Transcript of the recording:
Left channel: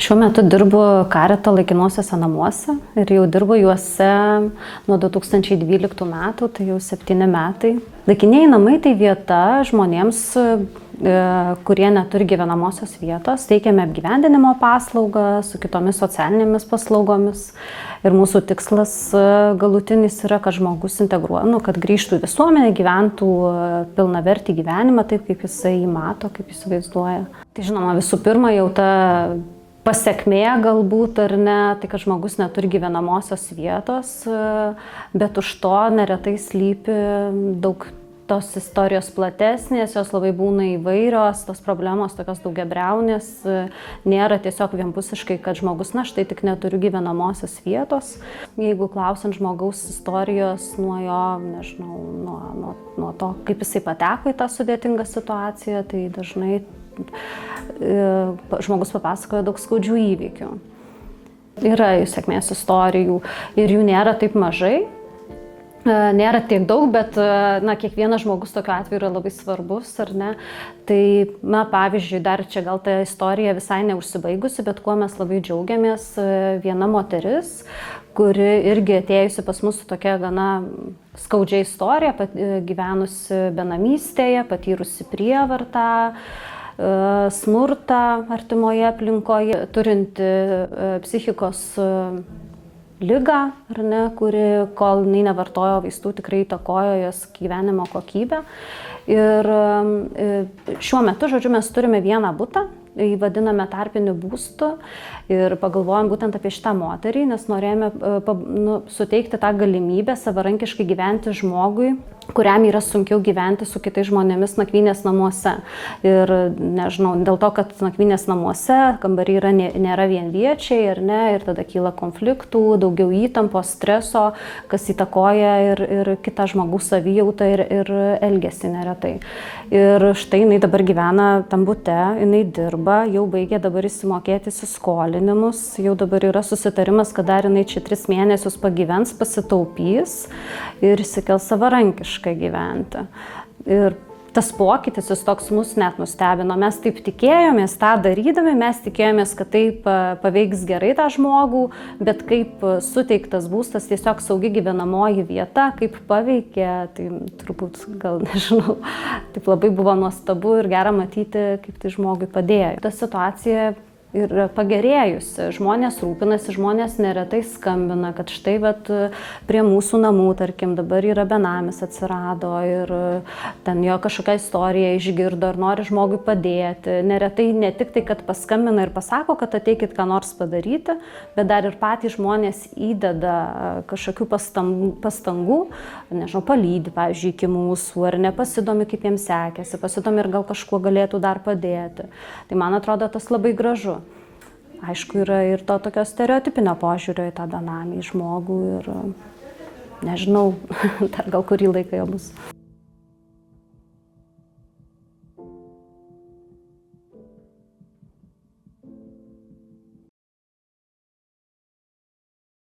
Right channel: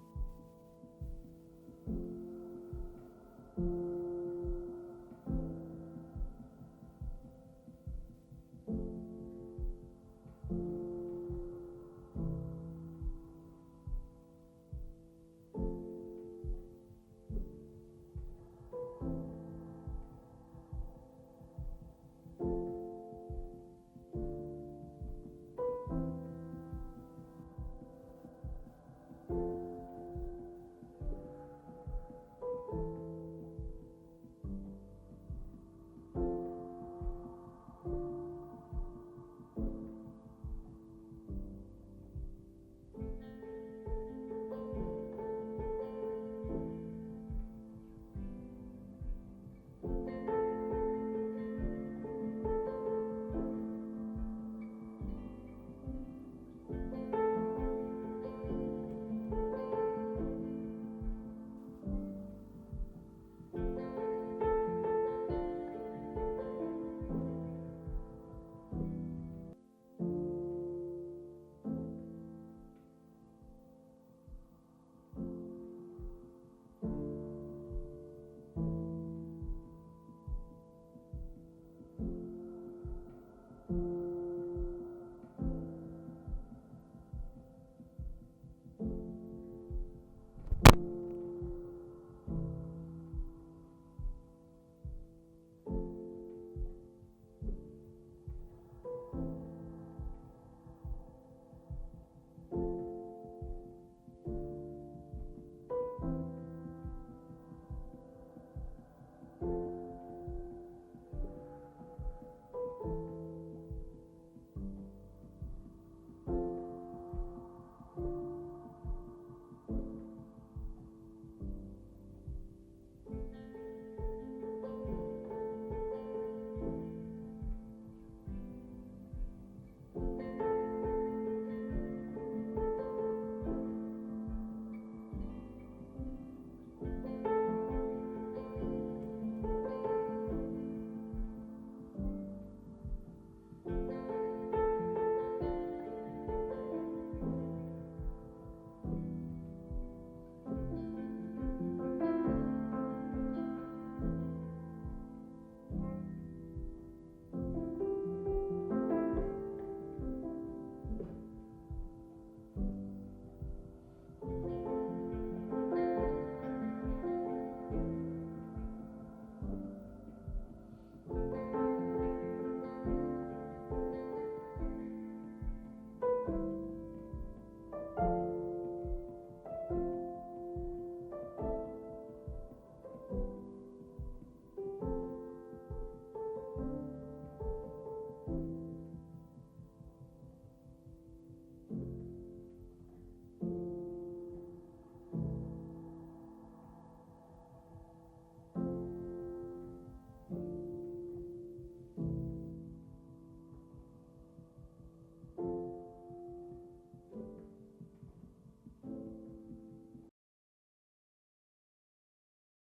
Šiuo metu dirbu Karito laikinuosiuose namuose ir jau dirbu juose nuo 2012 metų, tai jau 7 metai. Laikinieji namai tai vieta žmonėms, kurie neturi gyvenamosios vietos, teikiame apgyvendinimo paslaugą su kitomis socialinėmis paslaugomis. Ir mūsų tikslas galutinis yra, kad žmogus kad grįžtų į visuomenę, gyventų pilnavertį gyvenimą taip, kaip jisai jį mato, kaip jis vaizduoja. Tai žinoma, visų pirma, jau ta pasekmė galbūt ar ne, tai kad žmogus neturi gyvenamosios vietos, bet už to neretai slypi daug tos istorijos platesnės, jos labai būna įvairios, tos problemos tokios daugiabriaunės, nėra tiesiog vienpusiškai, kad žmogus, štai tik neturiu gyvenamosios vietos. Jeigu klausiant žmogaus istorijos nuo jo, nežinau, nuo to, kaip jisai pateko į tą sudėtingą situaciją, tai dažnai žmogus papasakoja daug skaudžių įvykių. Yra jų sėkmės istorijų ir jų nėra taip mažai. Nėra tiek daug, bet kiekvienas žmogus tokiu atveju yra labai svarbus, ar ne? Tai, pavyzdžiui, dar čia gal ta istorija visai neužsibaigusi, bet kuo mes labai džiaugiamės, viena moteris, kuri irgi atėjusi pas mus su tokia gana skaudžia istorija, gyvenusi benamystėje, patyrusi prievartą, smurtą artimoje aplinkoje, turinti psichikos ligą, ar ne, kuri, kol jinai nevartojo vaistų, tikrai įtakojo jos gyvenimo kokybę. Ir šiuo metu, mes turime vieną butą, jį vadiname tarpiniu būstu ir pagalvojom būtent apie šitą moterį, nes norėjome suteikti tą galimybę savarankiškai gyventi žmogui, kuriam yra sunkiau gyventi su kitais žmonėmis nakvynės namuose. Ir nežinau, dėl to, kad nakvynės namuose kambariai nėra vienviečiai, ar ne, ir tada kyla konfliktų, daugiau įtampos, streso, kas įtakoja ir kitą žmogaus savijautą ir elgesį neretai. Ir štai jinai dabar gyvena tam bute, jinai dirba, jau baigė dabar įsimokėti įsiskolinimus, jau dabar yra susitarimas, kad dar jinai čia 3 mėnesius pagyvens, pasitaupys ir įsikels savarankiškai gyventi. Ir tas pokytis, jis toks mus net nustebino. Mes taip tikėjomės, tą darydami, mes tikėjomės, kad taip paveiks gerai tą žmogų, bet kaip suteiktas būstas, tiesiog saugi gyvenamoji vieta, kaip paveikė, tai turbūt, gal nežinau, taip labai buvo nuostabu ir gera matyti, kaip tai žmogui padėjo. Ta situacija ir pagerėjusi. Žmonės rūpinasi, žmonės neretai skambina, kad štai prie mūsų namų, tarkim, dabar yra benamis atsirado ir ten jo kažkokią istoriją išgirdo ir nori žmogui padėti. Neretai ne tik tai, kad paskambina ir pasako, kad ateikit ką nors padaryti, bet dar ir patys žmonės įdeda kažkokių pastangų, nežinau, palydi, pavyzdžiui, iki mūsų, ar nepasidomi, kaip jiems sekėsi, pasidomi ir gal kažkuo galėtų dar padėti. Tai man atrodo, tas labai gražu. Aišku, yra ir to tokio stereotipinio požiūrio į tą benamį žmogų ir nežinau, dar gal kurį laiką jo bus.